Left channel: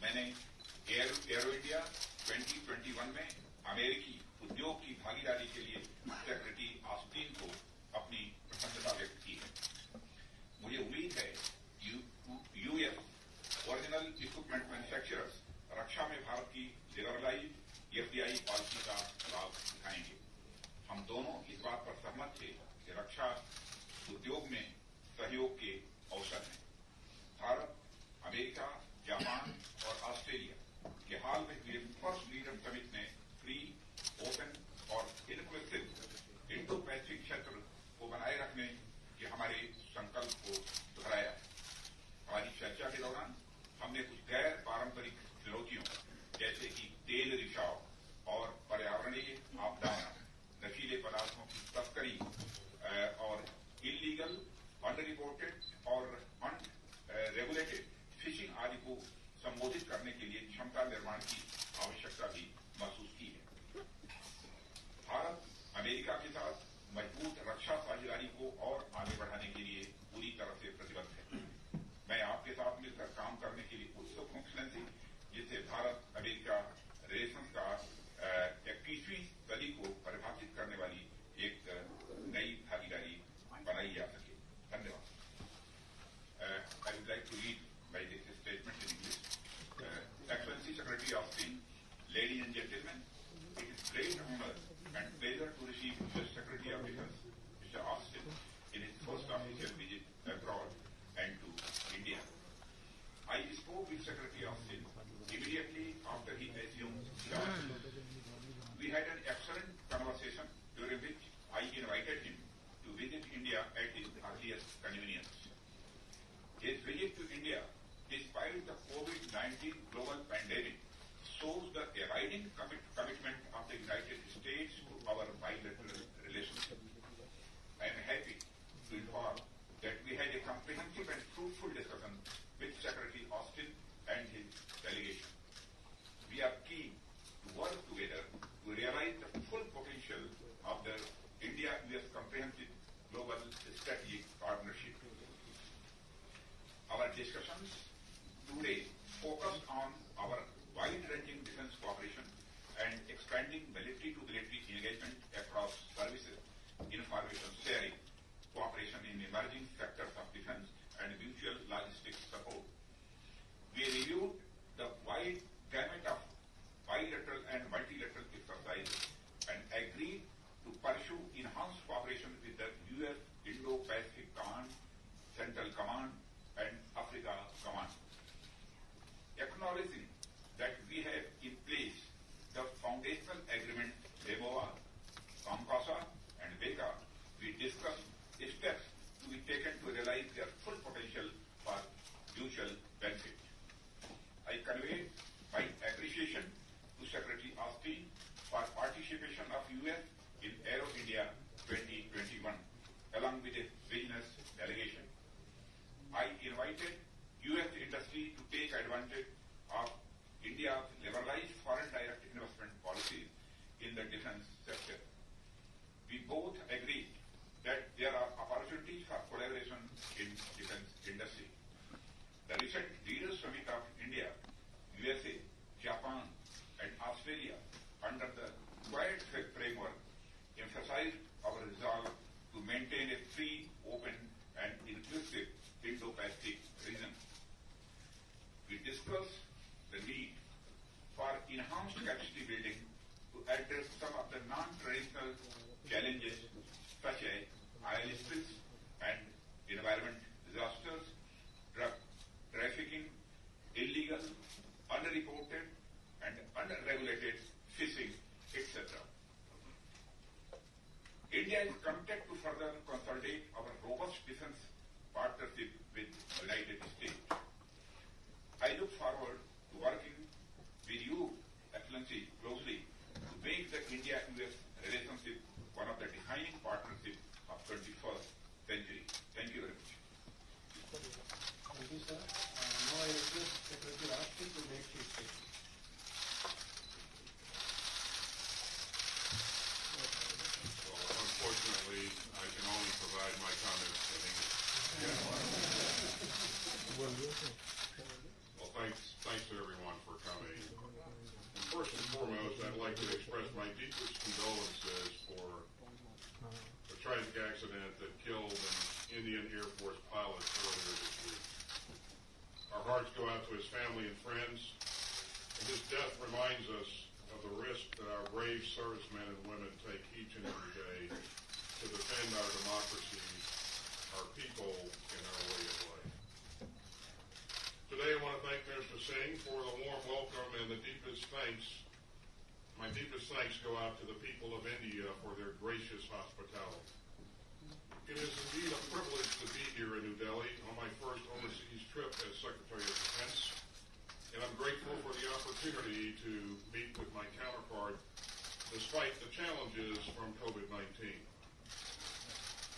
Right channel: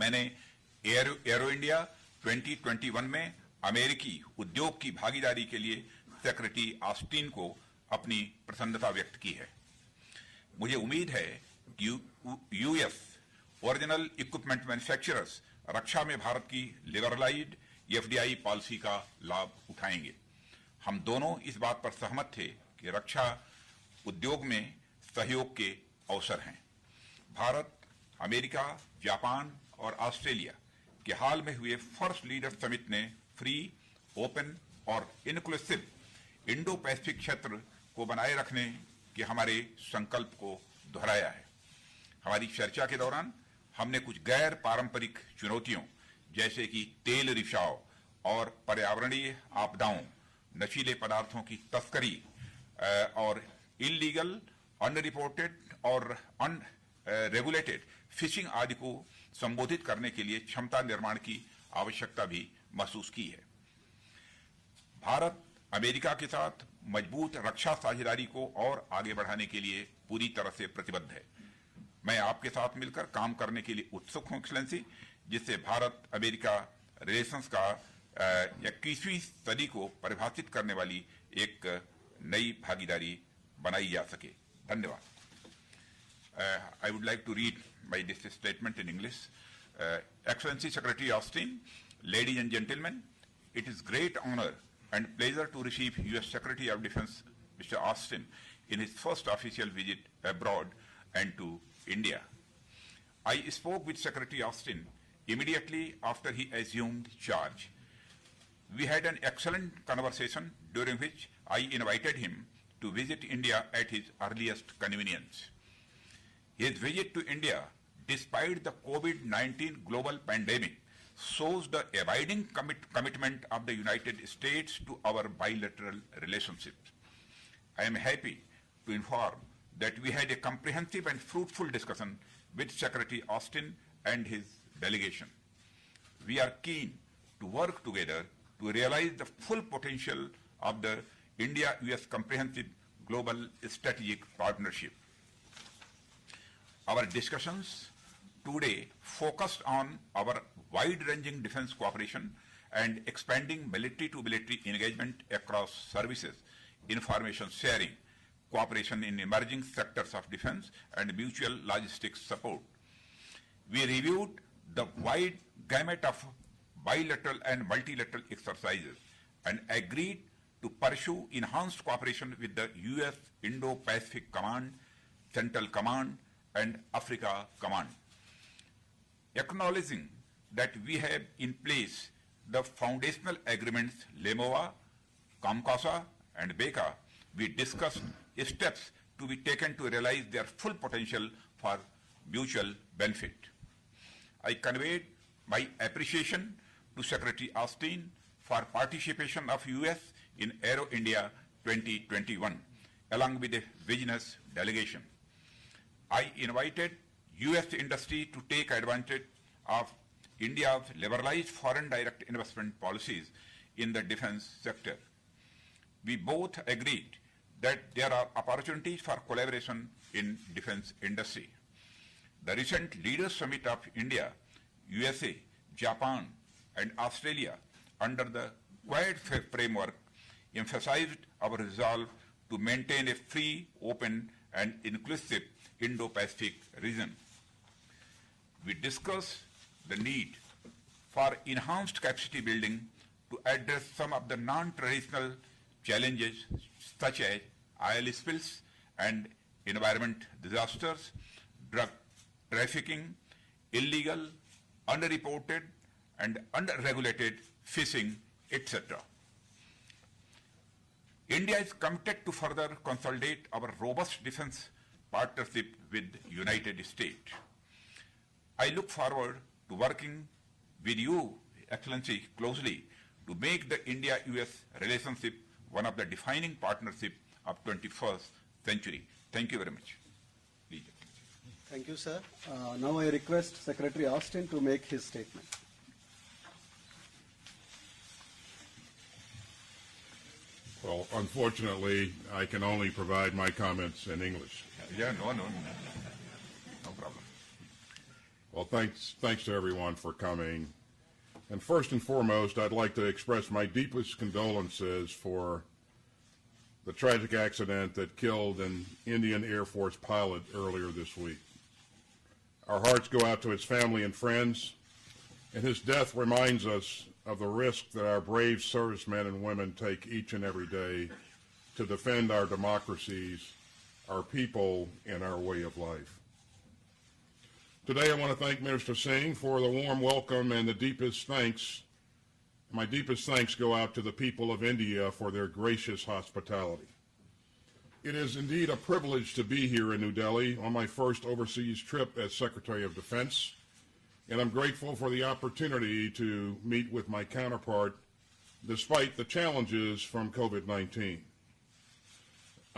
मैंने arrow India 2021 में अमेरिकी उद्योग की भागीदारी के लिए सेक्रेटरी ऑस्टिन को अपनी प्रसन्नता व्यक्त की है। मुझे उम्मीद है कि यूएस ओरिजिनल इक्विपमेंट मैन्युफैक्चरर्स रक्षा में भारत की लिबरलाइज्ड एफडीआई पॉलिसी का लाभ उठाएंगे। हम दोनों इस बात पर सहमत थे कि रक्षा उद्योग में सहयोग के अवसर हैं। भारत, अमेरिका, जापान और ऑस्ट्रेलिया के हाल में हुए फर्स्ट लीडर समिट ने फ्री, ओपन और इंक्लूसिव इंडो पैसिफिक क्षेत्र को बनाए रखने के हमारे संकल्प को दोहराया है। हमारी चर्चा के दौरान हमने कुछ गैर पारंपरिक चुनौतियों जैसे कि तेल रिसाव और पर्यावरणीय आपदाओं, नशीले पदार्थों की तस्करी और इलीगल, अनरिपोर्टेड और अनरेगुलेटेड फिशिंग आदि को संबोधित करने के लिए क्षमता निर्माण की आवश्यकता भी महसूस की है। भारत अमेरिका के साथ मजबूत रक्षा साझेदारी को और आगे बढ़ाने के लिए पूरी तरह से प्रतिबद्ध है। मैं आपके साथ मिलकर काम करने के लिए उत्सुक हूं एक्सेलेंसी, जिससे भारत अमेरिका रिलेशंस का 21वीं सदी को परिभाषित करने वाली एक नई भागीदारी बनाई जा सके। धन्यवाद। I would like to read this statement in English. Excellency Secretary Austin, ladies and gentlemen, it is great honor and pleasure to receive U.S. Secretary of Defense, Mr. Austin, in his first official visit abroad and to India. I spoke with Secretary Austin immediately after he assumed charge. We had an excellent conversation during which I invited him to visit India at his earliest convenience. His visit to India, despite the COVID-19 global pandemic, shows the abiding commitment of the United States to our bilateral relationship. I am happy to inform that we had a comprehensive and fruitful discussion with Secretary Austin and his delegation. We are keen to work together to realize the full potential of the India-US Comprehensive Global Strategic Partnership. Our discussions today focused on our wide-ranging defense cooperation and expanding military-to-military engagement across services, information sharing, cooperation in emerging sectors of defense, and mutual logistics support. We reviewed the wide gamut of bilateral and multilateral exercises and agreed to pursue enhanced cooperation with the U.S. Indo-Pacific Command, Central Command, and Africa Command. Acknowledging that we have in place the foundational agreements LEMOA, COMCASA, and BECA, we discussed steps to be taken to realize their full potential for mutual benefit. I conveyed my appreciation to Secretary Austin for participation of U.S. in Aero India 2021, along with a business delegation. I invited U.S. industry to take advantage of India's liberalized foreign direct investment policies in the defense sector. We both agreed that there are opportunities for collaboration in defense industry. The recent Leaders Summit of India, USA, Japan, and Australia under the Quad framework emphasized our resolve to maintain a free, open, and inclusive Indo-Pacific region. We discussed the need for enhanced capacity building to address some of the non-traditional challenges such as oil spills and environment disasters, drug trafficking, illegal, underreported, and unregulated fishing, etc. India is committed to further consolidate our robust defense partnership with the United States. I look forward to working with you, Excellency, closely to make the India-US relationship one of the defining partnerships of 21st century. Thank you very much. Please. Thank you, sir. Now I request Secretary Austin to make his statement. Well, unfortunately, I can only provide my comments in English. Yeah, no. Well, thanks to everyone for coming. And first and foremost, I'd like to express my deepest condolences for the tragic accident that killed an Indian Air Force pilot earlier this week. Our hearts go out to his family and friends, and his death reminds us of the risk that our brave servicemen and women take each and every day to defend our democracies, our people, and our way of life. Today I want to thank Minister Singh for the warm welcome and the deepest thanks. My deepest thanks go out to the people of India for their gracious hospitality. It is indeed a privilege to be here in New Delhi on my first overseas trip as Secretary of Defense, and I'm grateful for the opportunity to meet with my counterpart despite the challenges from COVID-19.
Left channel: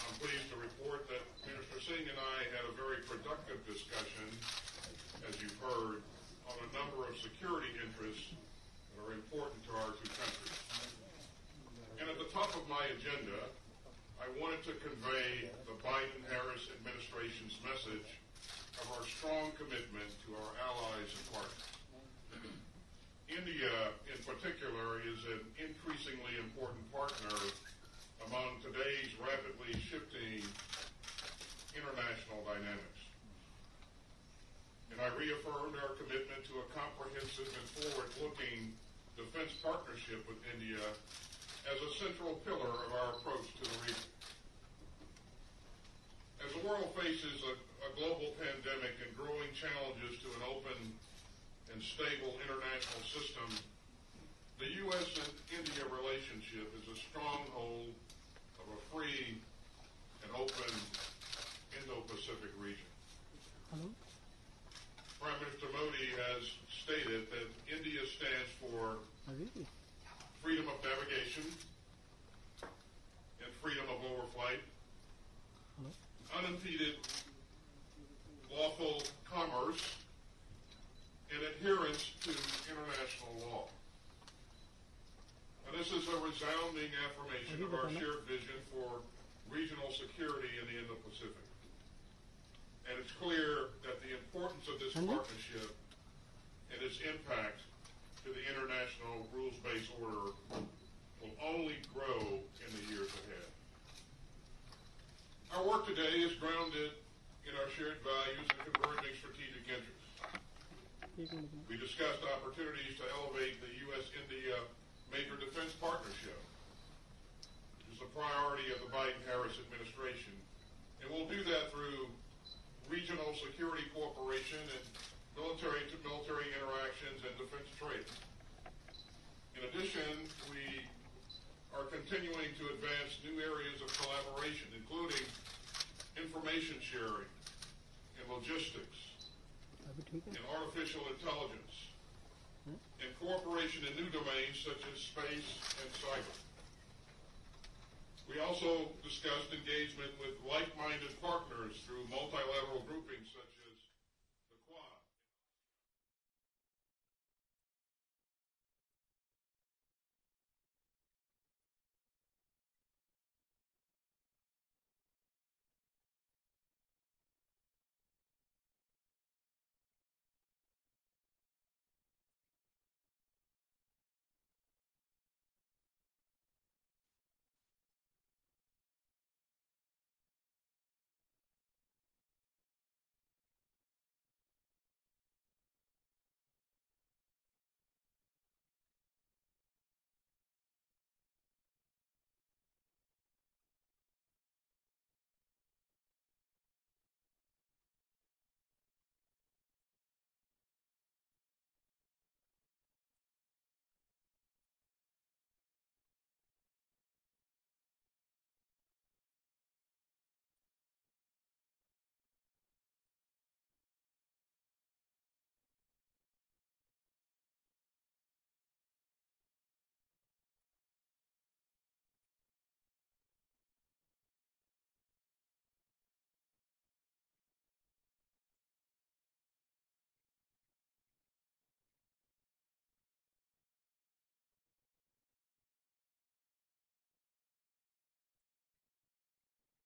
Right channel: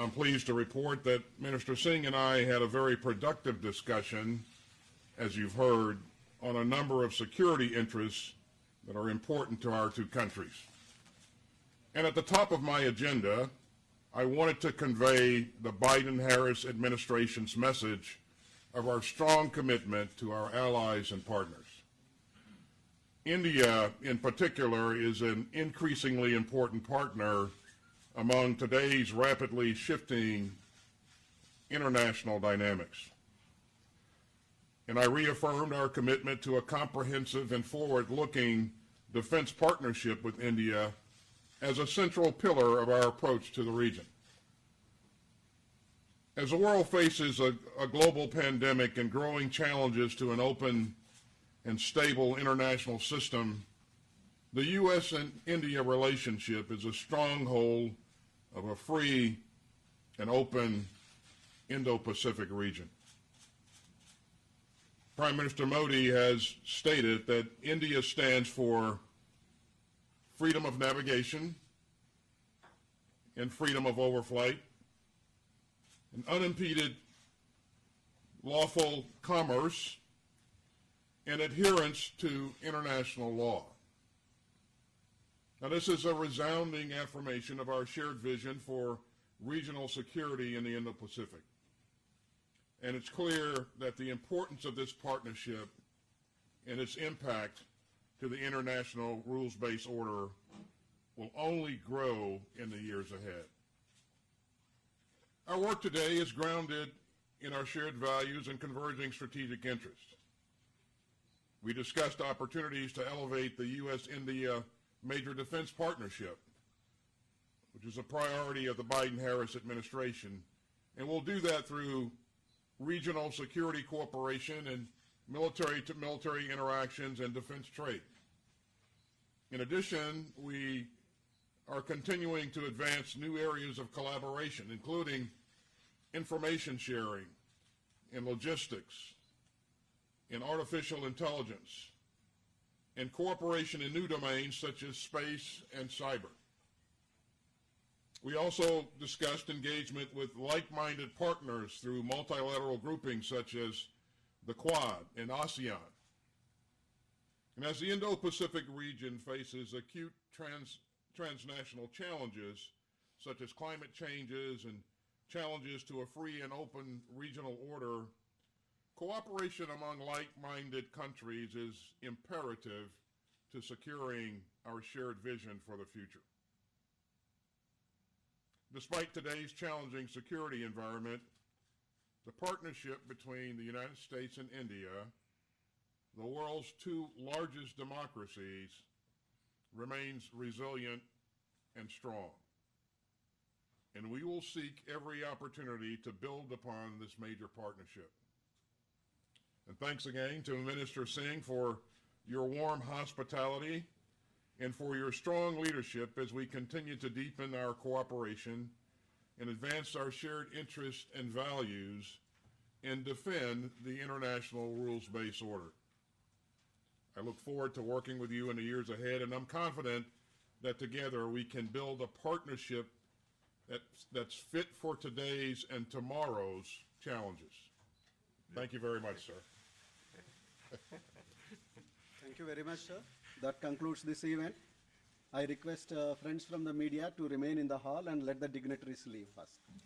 I'm pleased to report that Minister Singh and I had a very productive discussion, as you've heard, on a number of security interests that are important to our two countries. And at the top of my agenda, I wanted to convey the Biden-Harris administration's message of our strong commitment to our allies and partners. India, in particular, is an increasingly important partner among today's rapidly shifting international dynamics. And I reaffirmed our commitment to a comprehensive and forward-looking defense partnership with India as a central pillar of our approach to the region. As the world faces a global pandemic and growing challenges to an open and stable international system, the U.S. and India relationship is a stronghold of a free and open Indo-Pacific region. Prime Minister Modi has stated that India stands for freedom of navigation and freedom of overflight, and unimpeded lawful commerce and adherence to international law. Now, this is a resounding affirmation of our shared vision for regional security in the Indo-Pacific. And it's clear that the importance of this partnership and its impact to the international rules-based order will only grow in the years ahead. Our work today is grounded in our shared values and converging strategic interests. We discussed opportunities to elevate the U.S.-India Major Defense Partnership, which is a priority of the Biden-Harris administration, and we'll do that through regional security cooperation and military-to-military interactions and defense trade. In addition, we are continuing to advance new areas of collaboration, including information sharing and logistics and artificial intelligence, and cooperation in new domains such as space and cyber. We also discussed engagement with like-minded partners through multilateral groupings such as the Quad and ASEAN. And as the Indo-Pacific region faces acute transnational challenges such as climate changes and challenges to a free and open regional order, cooperation among like-minded countries is imperative to securing our shared vision for the future. Despite today's challenging security environment, the partnership between the United States and India, the world's two largest democracies, remains resilient and strong. And we will seek every opportunity to build upon this major partnership. And thanks again to Minister Singh for your warm hospitality and for your strong leadership as we continue to deepen our cooperation and advance our shared interests and values and defend the international rules-based order. I look forward to working with you in the years ahead, and I'm confident that together we can build a partnership that's fit for today's and tomorrow's challenges. Thank you very much, sir. Thank you very much, sir. That concludes this event. I request friends from the media to remain in the hall and let the dignitaries leave first.